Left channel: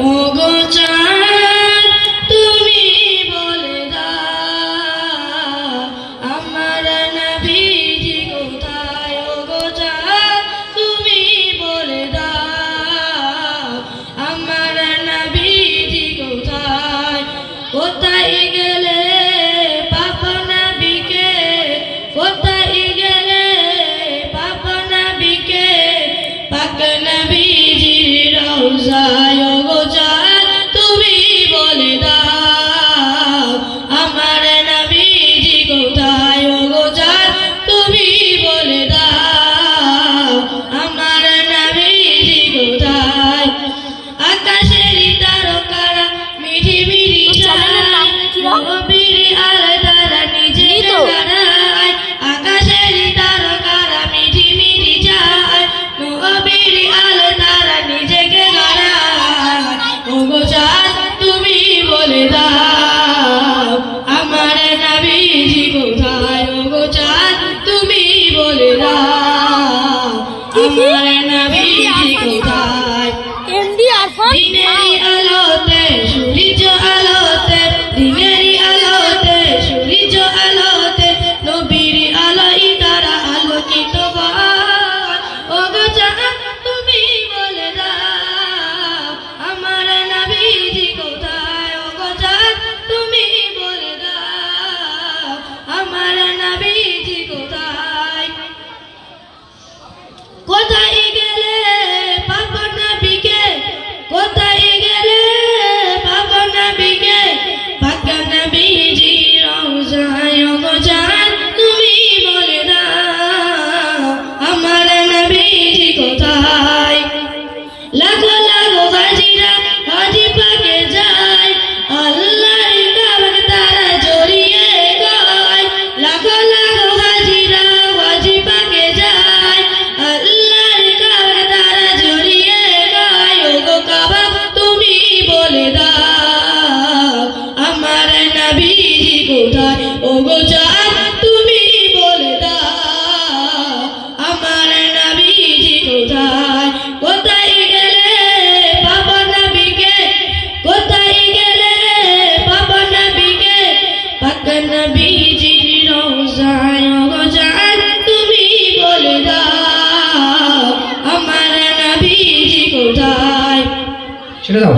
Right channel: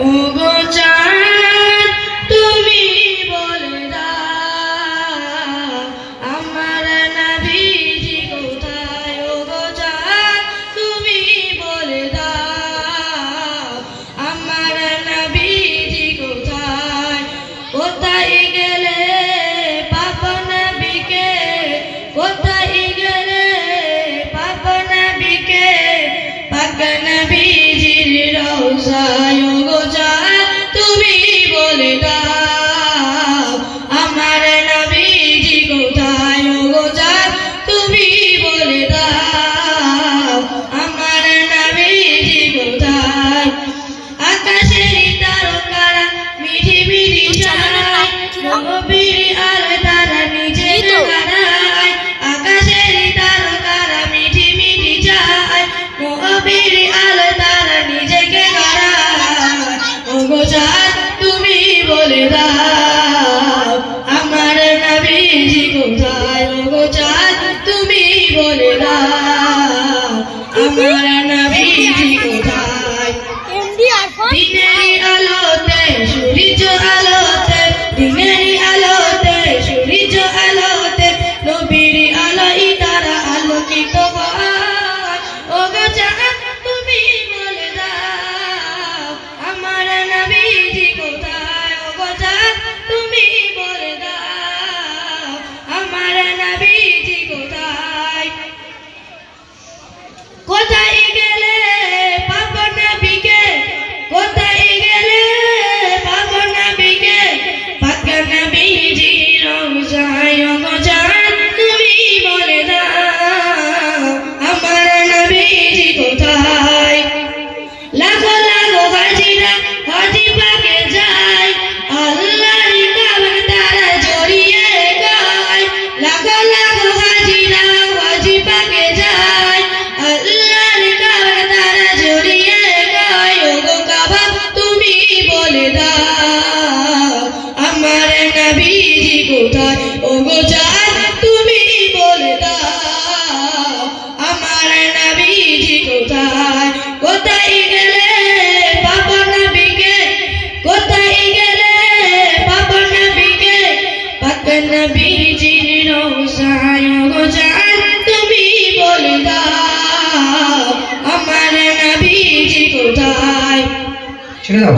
ওগো চাঁদ তুমি বলে দাও আমার নবীজি কোথায় ওগো চাঁদ তুমি বলে দাও আমার নবীজি কোথায় কোথায় গেলে পাপ নবীকে কোথায় গেলে পাপ নবীকে পাক নবীজির রওজায় ওগো চাঁদ তুমি বলে দাও আমার নবীজি কোথায় ওগো চাঁদ তুমি বলে দাও আমার নবীজি কোথায় আকাশের তারকারা মিঠি মিঠি চায় নবীর আলতারা নিজে দাঁড়ায় আকাশের তারকারা মিঠি মিঠি চায় নবীর আলতারা নিজেকে দাঁড়ায় ওগো চাঁদ তুমি বলে দাও আমার নবীজি কোথায় ওগো চাঁদ তুমি বলে দাও আমার নবীজি কোথায় দিনেরই আলোতে সূর্য আলোতে দিনেরই আলোতে সূর্য আলোতে নবীর আলোয় তারা আলোকিত হয় ওগো চাঁদ তুমি বলে দাও আমার নবীজি কোথায় ওগো চাঁদ তুমি বলে দাও আমার নবীজি কোথায় কোথায় গেলে পাপ নবীকে কোথায় গেলে পাপ নবীকে পাক নবীজি রওজায় ওগো চাঁদ তুমি বলে দাও আমার নবীজি কোথায় লাগো লাগো হাজিরা হাজি পাকে যায় আল্লাহর কাবা তারা জড়িয়ে গায় লাগো লাগো হাজিরা হাজি পাকে যায় আল্লাহর কাবা তারা জড়িয়ে গায় ওগো কাবা তুমি বলে দাও আমার নবীজি কোথায় ওগো চাঁদ তুমি বলে দাও আমার নবীজি কোথায় কোথায় গেলে পাপ নবীকে কোথায় গেলে পাপ নবীকে পাক নবীজির রওজায় ওগো চাঁদ তুমি বলে দাও আমার নবীজি কোথায় ছেড়ে দাও।